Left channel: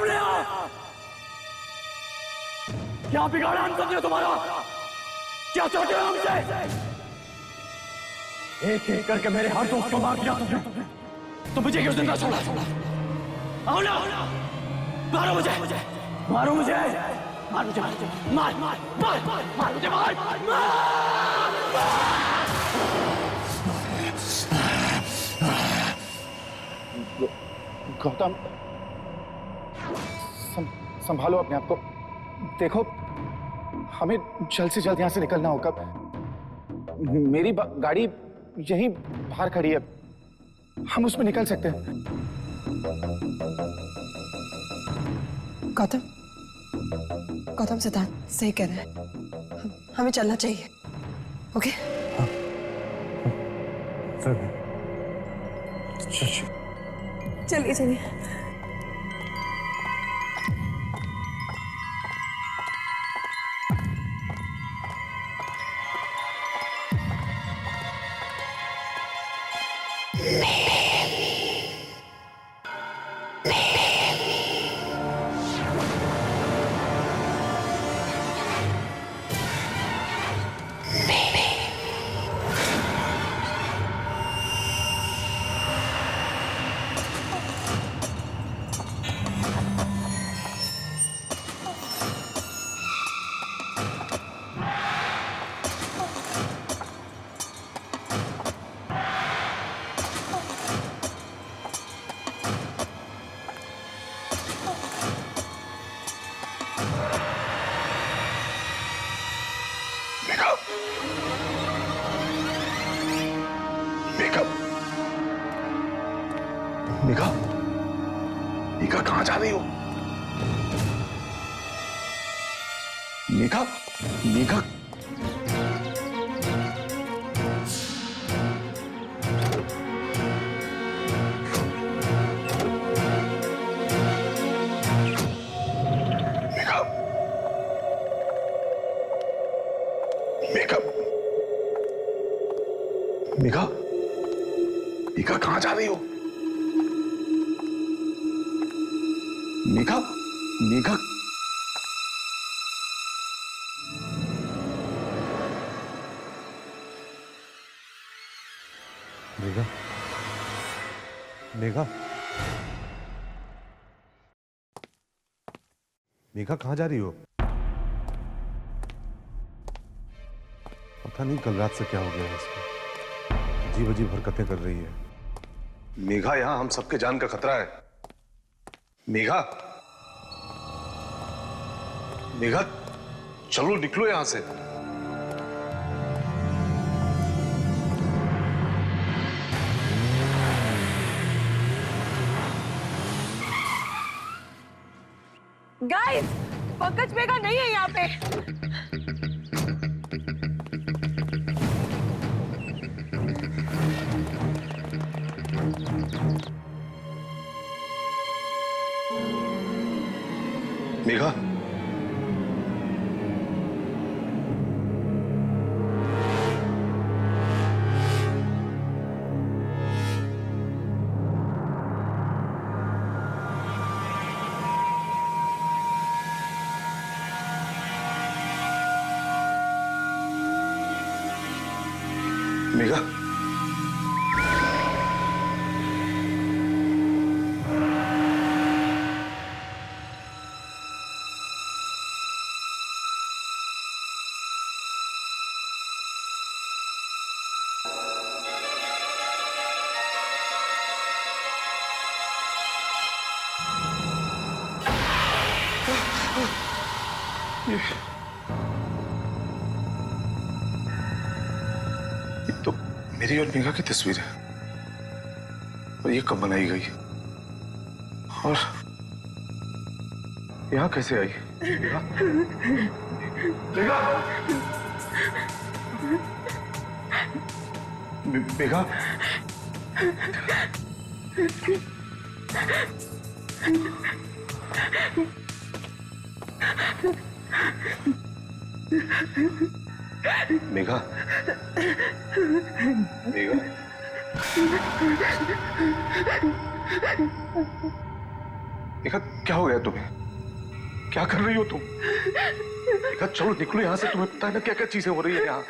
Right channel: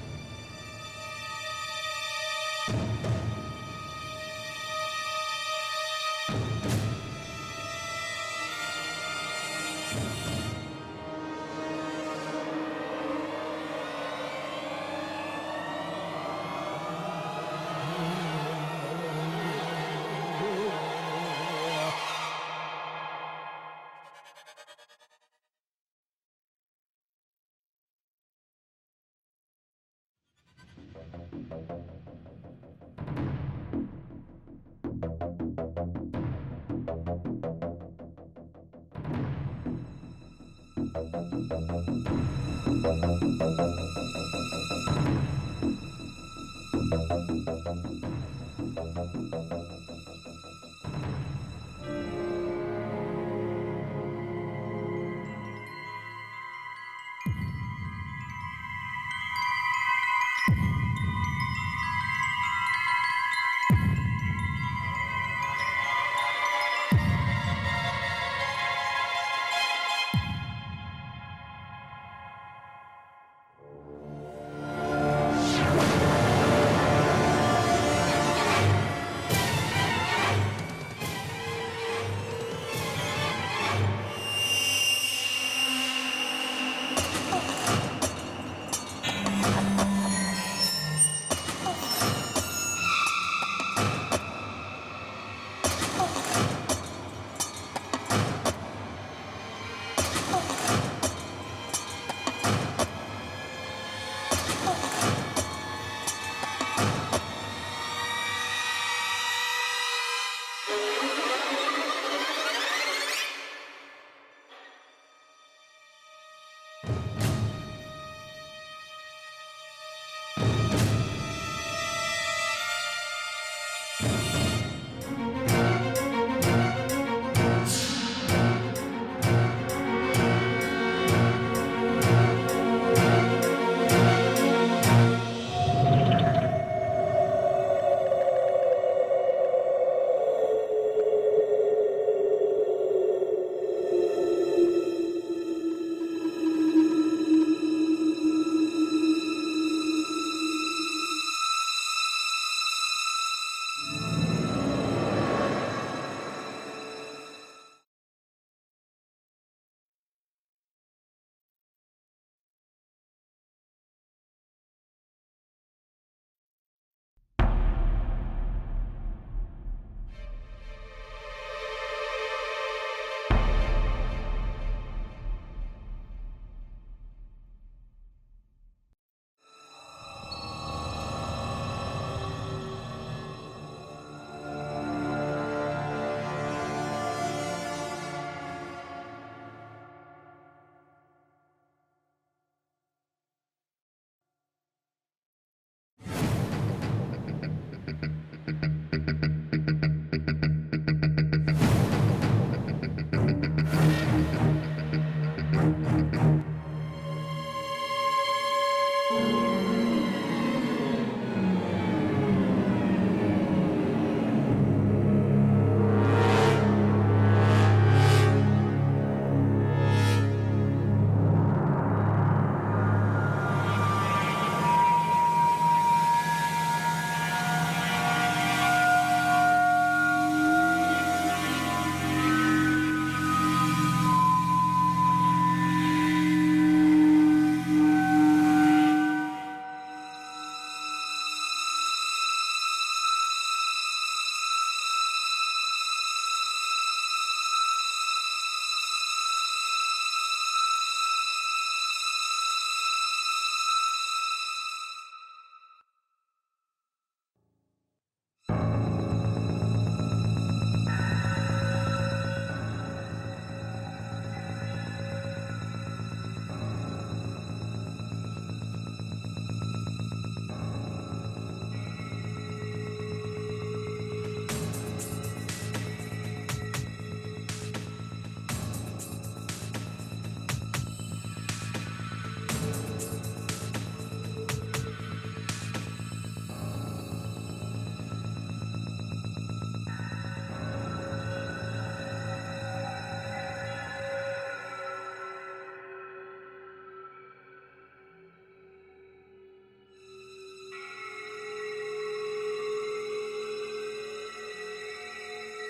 सामने आओ। क्या बिगाड़ा हम सबने तुम्हारा? क्या चाहते हो हमसे? एक एक करके मेरे हर दोस्त को मार दिया तो मुझे क्यों जिंदा छोड़ा? आओ ना, मारो मुझे, मारो मुझे, मार मुझे, मार मार मार मार मुझे, मार। गौतम, संभालो अपने आप को। देखो, हमें जल्द से जल्द यहाँ से निकलना होगा। मेरी गाड़ी यहीं बाहर खड़ी है, हम उसमें निकल सकते हैं। गौतम, गौतम सिद्धांत सही कह रहे हैं, हमें चलना चाहिए। ओके? चलिए चलिए। मेघा कहां जा रही हो? मेघा, मेघा, मेघा, मेघा, मेघा कहां जा रही हो? मेघा, मेघा, मेघा, मेघा, मेघा कहाँ जा रही हो? पता नहीं कल रात से क्या हो गया इसको, अजीब अजीब हरकतें कर रही है। मेघा, यहां हम सबके जान का खतरा है। मेघा, मेघा, चलो निकलो यहां से। गाइस, पंकज मेघा नहीं है यहाँ पे। मेघा, मेघा, ये तो मेरी और मेघा की तस्वीर है, और ये कब बनाई गई और यहाँ कैसे आई? मेघा, मेघा, मेघा, मेघा, मेघा क्या हो गया तुम्हें? क्या कर रही हो तुम? मेघा चलो निकलो यहाँ से, तुम्हें पता है ना क्या क्या चीजें हो रही है यहाँ।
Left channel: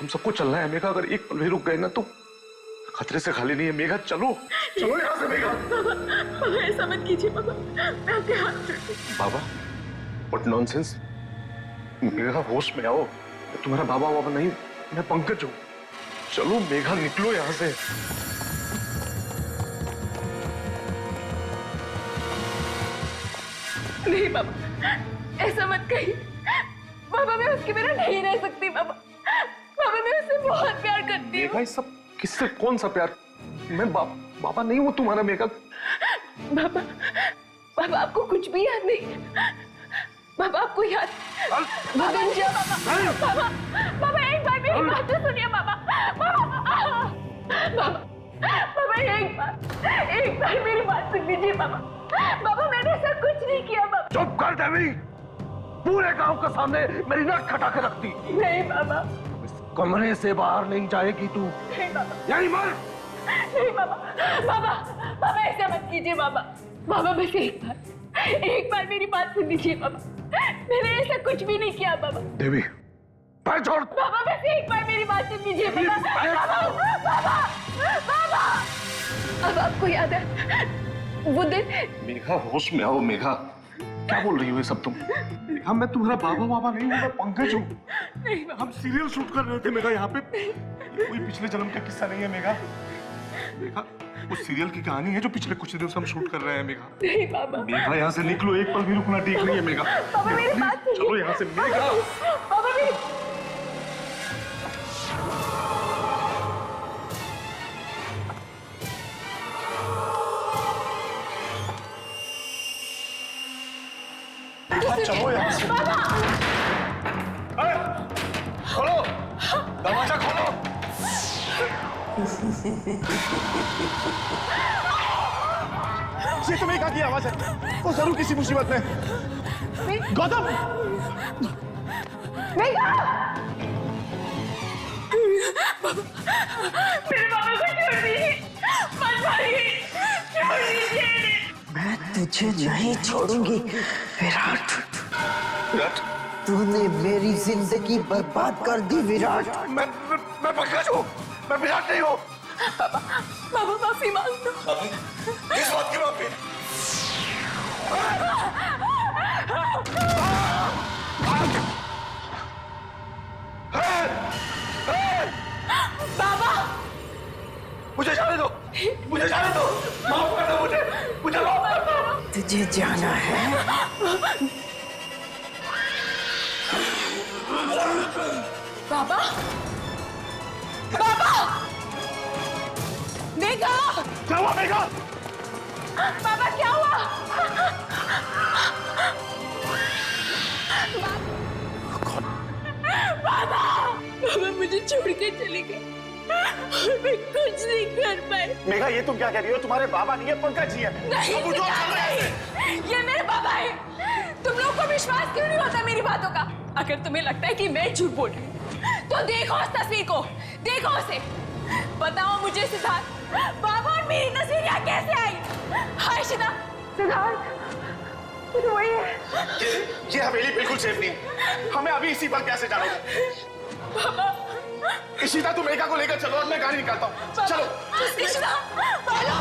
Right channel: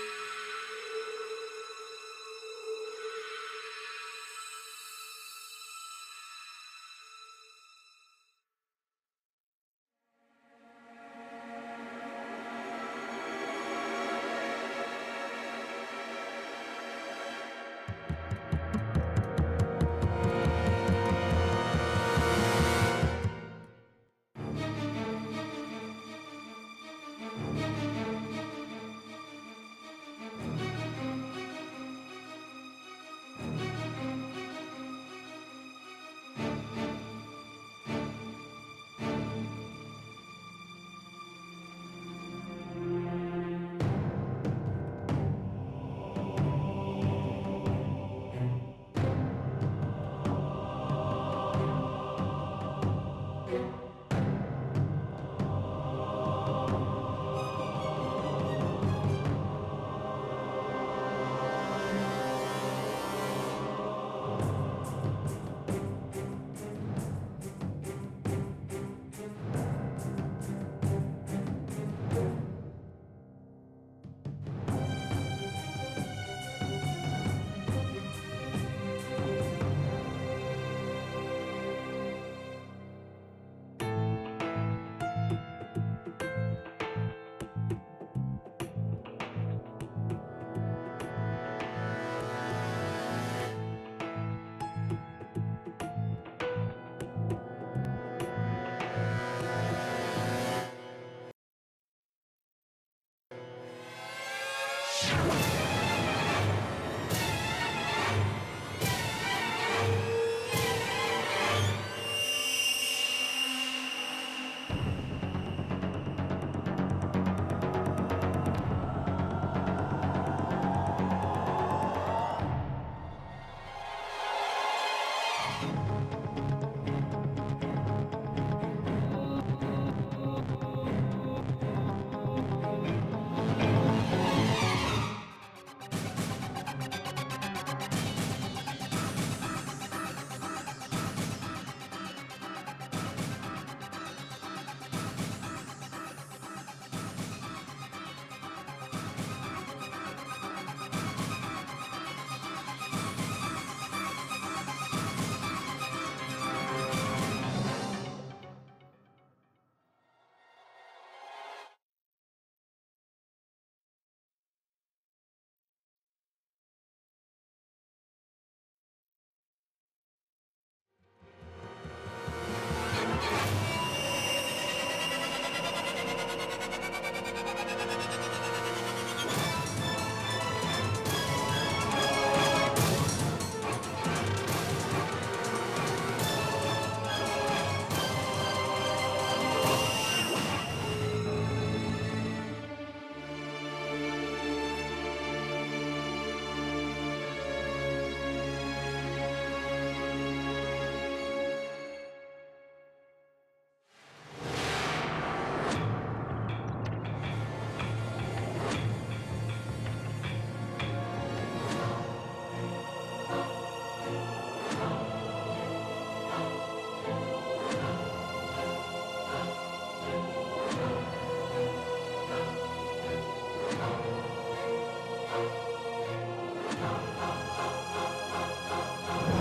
हम सबको चलना है मेघा, अगर एक पल भी रुक गए ना तो खतरे से खाली नहीं है। मेघा चलो चलो यहाँ से मेघा। बाबा ऐसा मत कीजिए बाबा, मैं आपके हाथ जोड़ती हूँ। बाबा व्हाट नॉनसेंस। मेघा होश में आओ, तुम्हारा बाबा बाबा नहीं, मैं पंकज हूँ। चलो मेघा निकलो यहाँ से। नहीं बाबा, ऐसा मत कहिए बाबा, मैं उसके बिना नहीं रह सकती बाबा। बाबा मैं उससे बहुत प्यार करती हूँ। मेघा सब किससे, कौन सा प्यार? मैं बाबा नहीं हूँ तुम्हारा मेघा। बाबा, बाबा आपको कुछ भी याद नहीं? बाबा आपको याद? मदन जी, बाबा, बाबा एक बार मेरी बात तो सुनिए बाबा। बाबा, बाबा एक बार मेरी बात सुन लीजिए बाबा। बाबा मैंने ऐसा कुछ नहीं किया बाबा। चुप कर देवी, पूरे गांव के सामने मेरी नाक खटा के रखती। नहीं बाबा, कमरे से बाहर नहीं जाएगी तू। नहीं बाबा, यही मर। नहीं बाबा, बाबा, बाबा ऐसा मत कीजिए बाबा। बाबा बस एक बार मेरी बात सुन लीजिए बाबा। मैंने ऐसा कुछ भी नहीं किया बाबा। देवी पैर छोड़। बाबा बस एक बार मेरी बात सुन लीजिए बाबा। बाबा, बाबा, बाबा, अब आपको याद है वो दिन? मेघा होश में आओ मेघा, क्या बोल रही हो ये सब तुम? मेघा मैं तुम्हारा बाबा बाबा नहीं हूँ, मैं पंकज हूँ। नहीं बाबा, हम सीरियल शूट कर रहे थे मेघा यहाँ पे। कोई पिछले जन्म का किस्सा नहीं है मेघा। मेघा उस सीरियल की कहानी है जो पिछले कुछ दिनों से हम शूट कर रहे हैं मेघा। नहीं बाबा, मेघा यहाँ से निकलो, एक पल भी रुकना ठीक नहीं है मेघा। बाबा मेरी बात सुनिए। चलो यहाँ से मेघा। बाबा मेरी चलो यहाँ से। खोलो दरवाजा, खोलो। ये तो मेघा की आवाज है, वो जरूर किसी मुसीबत में। गौतम, मेरे बाबा को छोड़ दीजिए, मत मारिए, छोड़ दीजिए। मैं तुझे नहीं छोड़ूंगी विराट। विराट, तूने मेरी जिंदगी बर्बाद कर दी विराट। मैं पंकज हूँ, मैं विराट नहीं हूँ। बाबा माफी मांगो। इस बात की माफी। बाबा मुझे जाने दो, मुझे जाने दो, माफ कर दो मुझे माफ कर दो। तुझे जाना है? बाबा, बाबा, मेघा, क्या हुआ मेघा? बाबा क्या हुआ? बाबा, बाबा मुझे छोड़ के चली गई, मैं कुछ नहीं कर पाई। मेघा ये तुम क्या कह रही हो? तुम्हारे बाबा नहीं है, पंकज जी है। नहीं, ये मेरे बाबा है। तुम लोगों को विश्वास क्यों नहीं होता मेरी बातों का? अगर तुम्हें लगता है कि मैं झूठ बोल रही हूं, तो देखो उस तस्वीर को, देखो उसे, बताओ मुझे सिद्धार्थ, बाबा और मेरी तस्वीर यहाँ कैसे आई? आयशा, सिद्धार्थ, तो वही है। ये हवेली बिल्कुल सेफ नहीं, हमें अभी इसी पर कैसे जाना है। बाबा, इशिता तुम मेघा को लेकर चलो, मैं गाड़ी निकालता हूँ। चलो। इशिता, बोलो।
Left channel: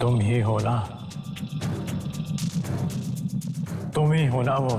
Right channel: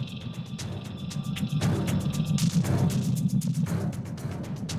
तुम ही हो ना, तुम ही हो ना वो।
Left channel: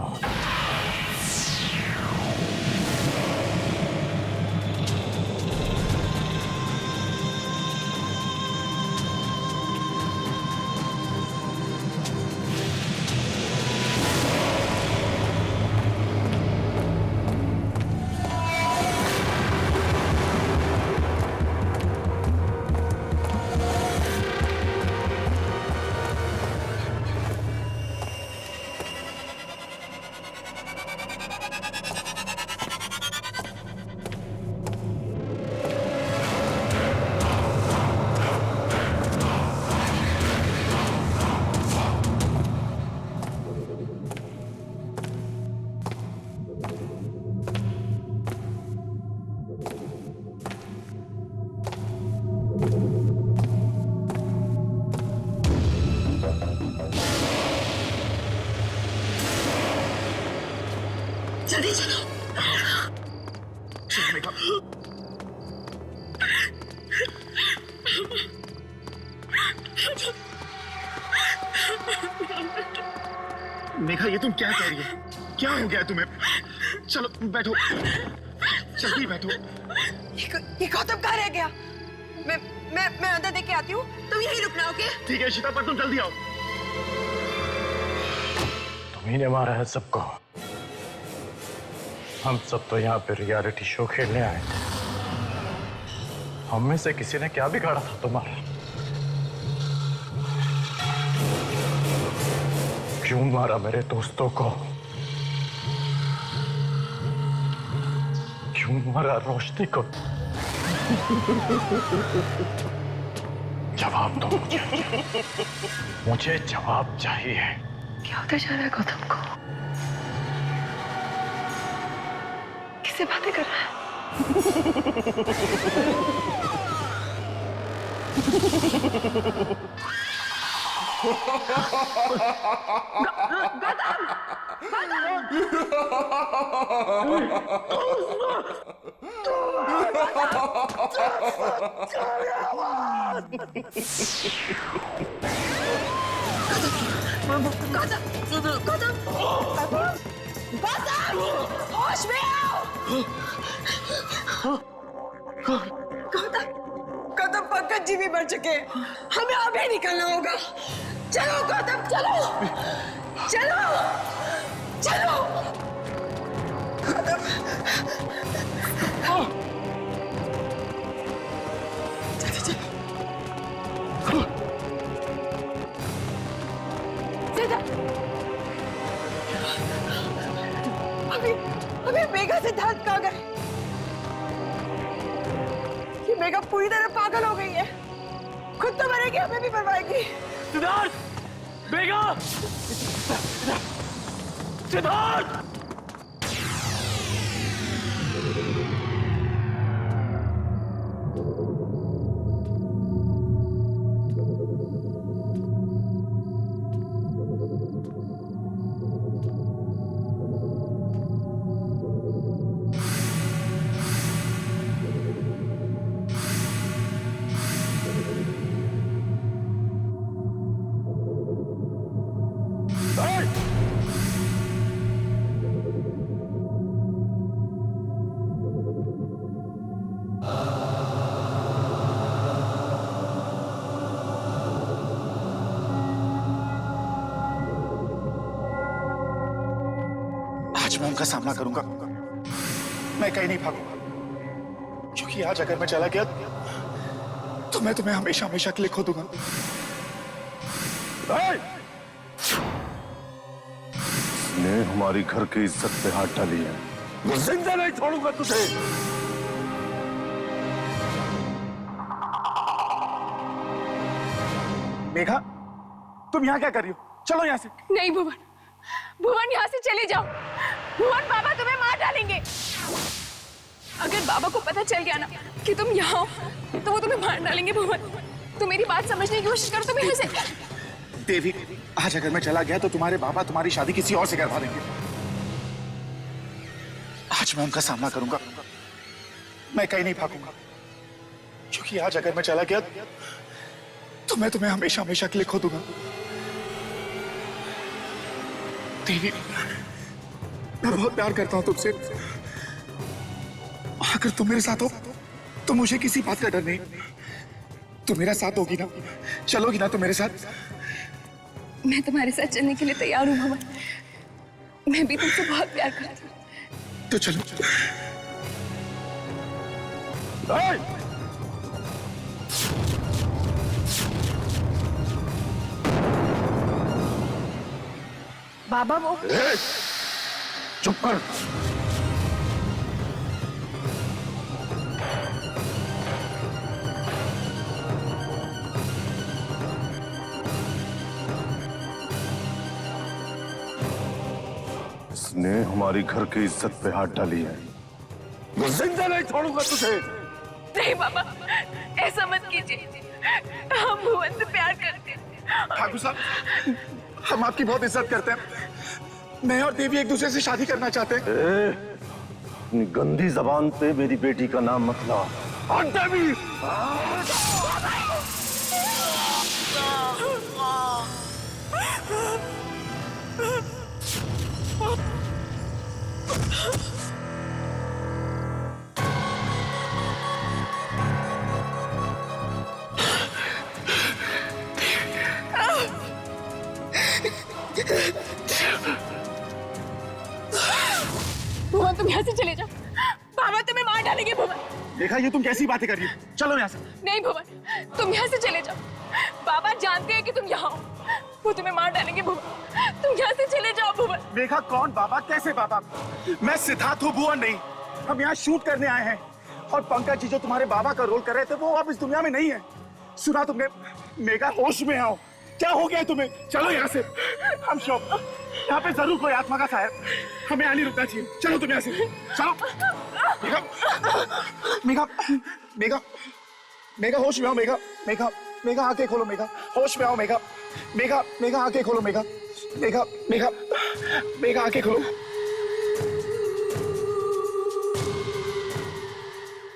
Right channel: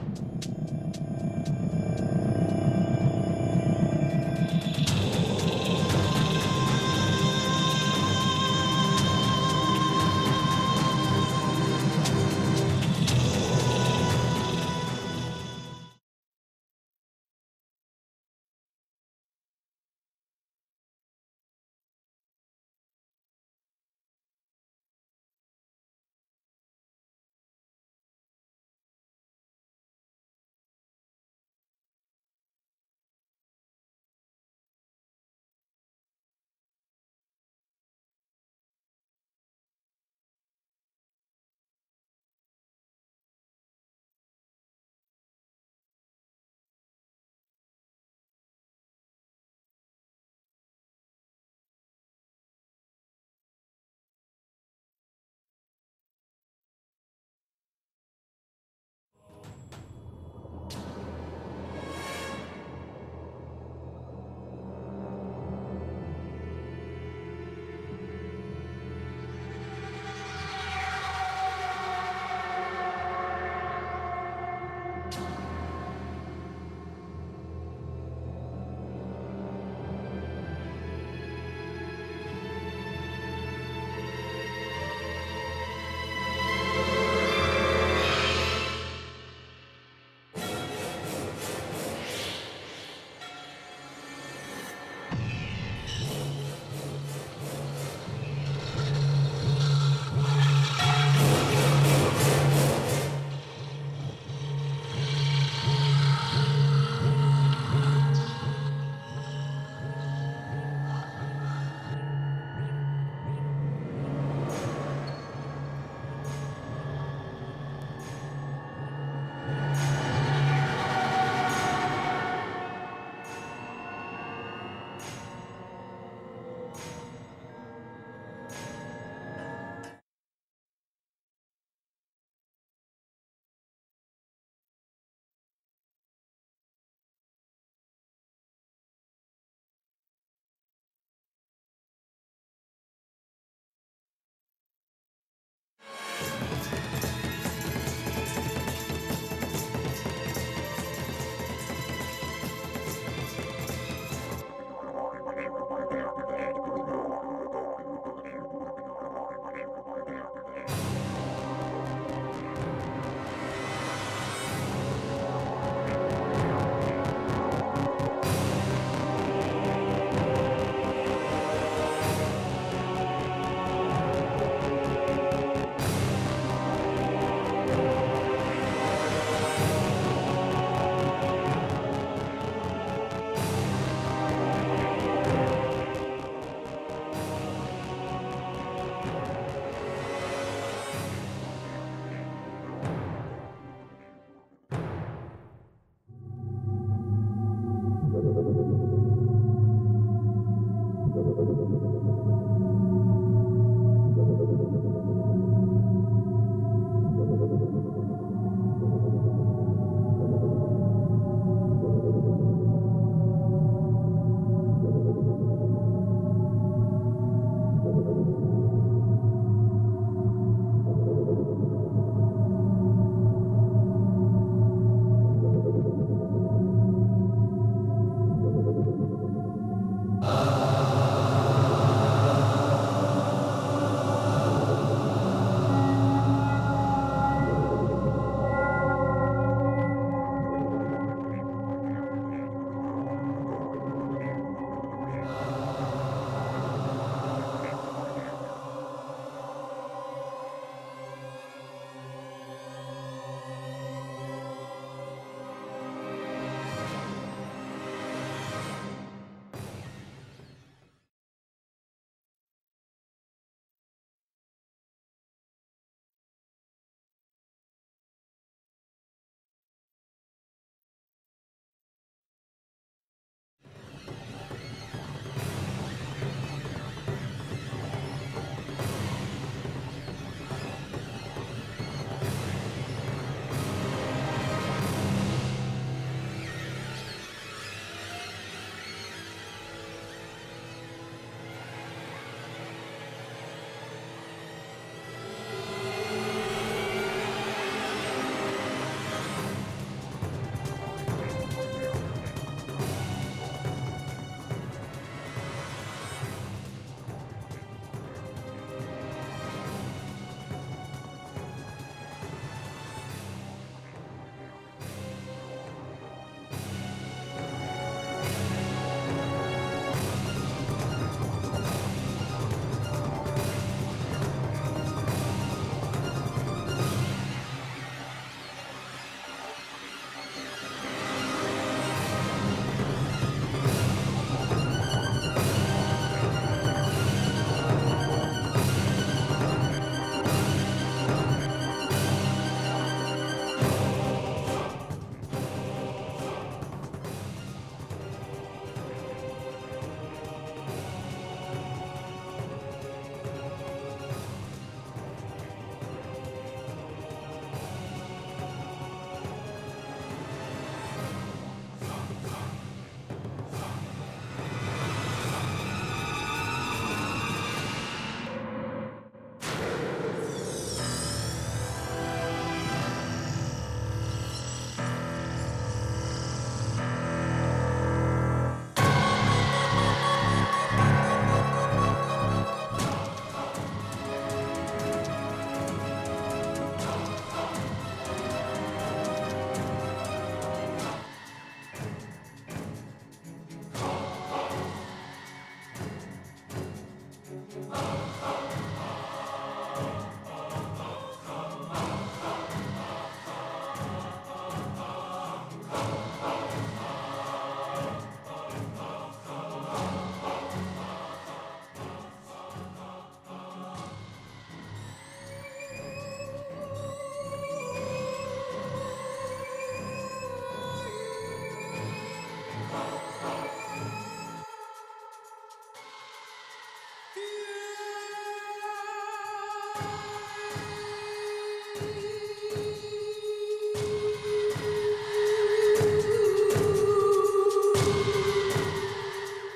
जल्दी चलो। मेघा, ये तुम क्या कह रही हो? क्या हो गया तुम्हें? चलो बैठो, जल्दी बैठो। ये गौतम कहाँ रह गया? मैं अंदर देख के आती हूँ, तुम यहीं रुकना, ओके? ठीक है शीता, पर तुम जल्दी आओ। तुम्ही ने मारा है सबको। हम सब तो यहाँ पे रियलिटी शो खेलने आए। हम में से किसी ने क्या बिगाड़ा था तुम्हारा? क्यों मारा मेरे दोस्तों को? क्यों मारा रोशनी को? जवाब दो, मुझे जवाब चाहिए। क्या होता जा रहा है गौतम को? किससे बातें कर रहा है? होश में आओ! गौतम, पंकज जी भी मर चुके हैं। हमें अभी निकलना होगा। चलो गौतम, चलो चलो चलो। अभी मेघा सिद्धार्थ पागल, ये मेघा पूरी तरह पागल हो गई है। खुद तो मरेगी, हमें भी मरवाएगी। सिद्धार्थ! बेगा! सिद्धार्थ! आज मैं उनका सामना करूंगा। मैं कहीं नहीं भागूंगा, क्योंकि आज अगर मैं चला गया तो मैं तुम्हें हमेशा हमेशा के लिए खो दूंगा। ने हमारी घर की इज्जत पे हाथ डाली है। जिंदा नहीं छोड़ूंगा तुझे। मेघा, तुम यहाँ क्या कर रही हो? चलो यहाँ से। नहीं भुवन, भुवन यहाँ से चले जाओ। भुवन, बाबा तुम्हें मार डालेंगे। अगर बाबा को पता चल गया ना कि तुम यहाँ हो तो वो तुम्हें मार डालेंगे। भुवन, तुम मेरी बात समझने की कोशिश करो। तुम यहाँ से। देवी, आज अगर मैं चला गया तो तुम्हारे बाबा तुम्हारी शादी किसी और से करवा देंगे। आज मैं उनका सामना करूंगा। मैं कहीं नहीं भागूंगा, क्योंकि आज अगर मैं चला गया तो मैं तुम्हें हमेशा हमेशा के लिए खो दूंगा। देवी, मैं बहुत प्यार करता हूं तुमसे। अगर तुम मेरे साथ हो तो मुझे किसी बात का डर नहीं। तुम मेरा साथ होगी ना? चलोगी ना तुम मेरे साथ? मैं तुम्हारे साथ चलने के लिए तैयार हूँ भुवन। मैं भी तुमसे बहुत प्यार करती हूँ। तो चलो। बाबा, वो चुप कर। इसने हमारी घर की इज्जत पे हाथ डाली है। जिंदा नहीं छोड़ूंगा तुझे। नहीं बाबा, ऐसा मत कीजिए। हम भुवन से प्यार करते हैं। ठाकुर साहब, हम आपकी बहुत इज्जत करते हैं। मैं और देवी एक दूसरे से शादी करना चाहते हैं। अपनी गंदी जबान पे मेरी बेटी का नाम मत ला। और देवी! भुवन तुम यहाँ से चले जाओ, बाबा तुम्हें मार डालेंगे। भुवन देखा, ये तुम कैसी बातें कर रही हो? चलो यहाँ से। नहीं भुवन, तुम यहाँ से चले जाओ, बाबा जानते हैं कि तुम यहाँ हो, वो तुम्हें मार डालेंगे। भुवन तुम यहाँ से चले जाओ। भुवन देखा, कौन बाबा, कैसे बाबा? मैं सिद्धार्थ हूँ, भुवन नहीं। हम यहाँ शूट करने आए हैं और पंकज जी जो तुम्हारे बाबा का रोल कर रहे थे वो अब इस दुनिया में नहीं है। सुना तुमने? मेगा होश में आओ, क्या हो गया तुम्हें? चलो यहाँ से। हम शौक, यहाँ पे जरूर कोई आत्मा का साया, हमें आने रुकना चाहिए। चलो तुम यहाँ से, चलो। मेगा, मेगा, मेगा होश में आओ। मेगा, मेगा, मेगा आंखें खोलो। मेगा होश में आओ। मेगा, मेगा, मेगा आंखें खोलो। मेगा, मेगा, मेगा, मेगा आंखें खोलो।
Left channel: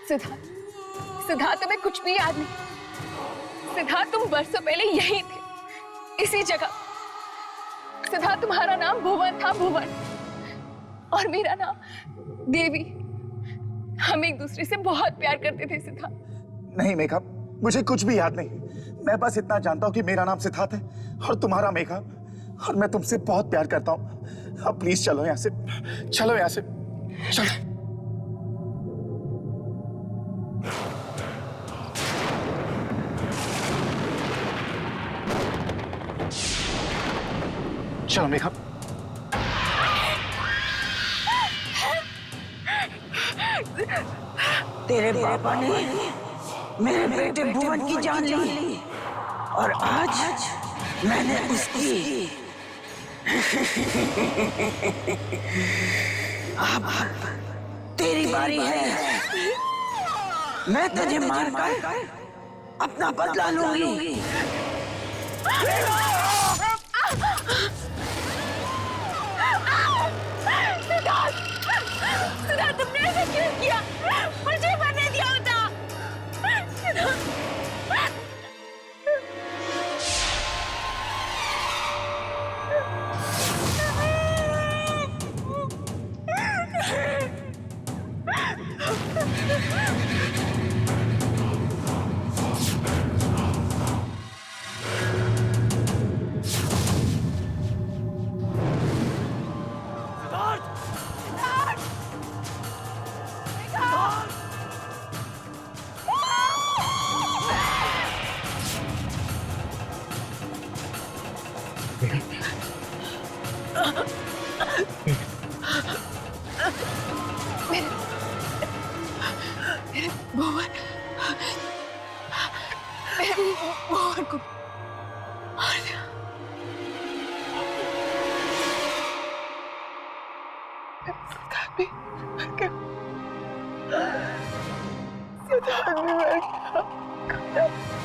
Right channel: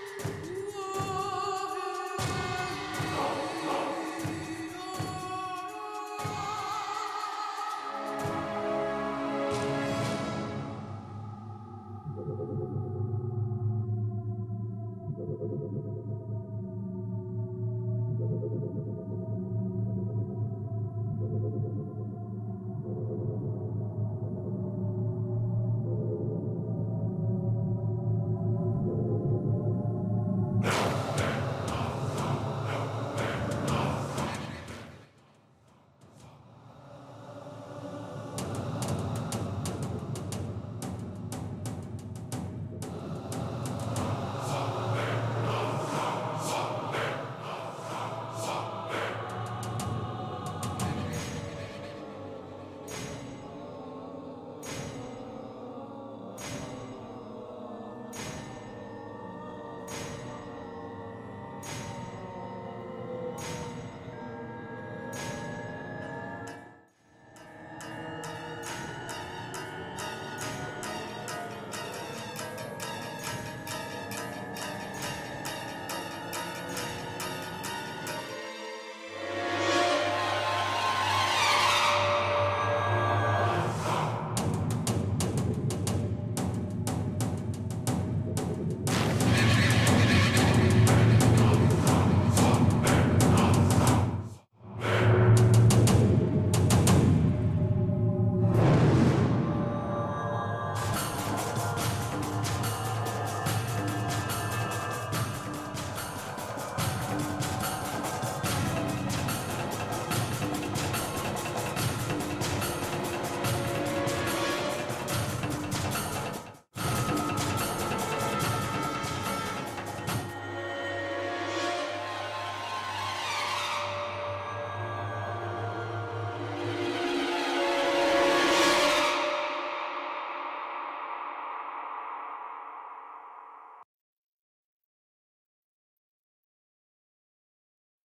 सिद्धार्थ तुम्हें कुछ भी याद नहीं? सिद्धार्थ तुम वर्षों पहले यही थे, इसी जगह। सिद्धार्थ तुम्हारा नाम भुवन था, भुवन, और मेरा नाम देवी। हम एक दूसरे से बहुत प्यार करते थे सिद्धार्थ। नहीं मेघा, मुझे कुछ भी याद नहीं। मैं बस इतना जानता हूँ कि मेरा नाम सिद्धार्थ है और तुम्हारा मेघा, और मैं तुमसे बहुत प्यार करता हूँ। अब प्लीज चलो यहाँ से, चलो यहाँ से, चलो। चलो मेघा। तेरे पापा ने मेरे बेटे भुवन की जान ली और आज मैंने उसकी। अब तेरी बारी है। मैं तुझे मारकर अपना बदला लूंगी। सिद्धार्थ तुमने ऐसा क्यों किया? मुझे मरने दिया होता। सिद्धार्थ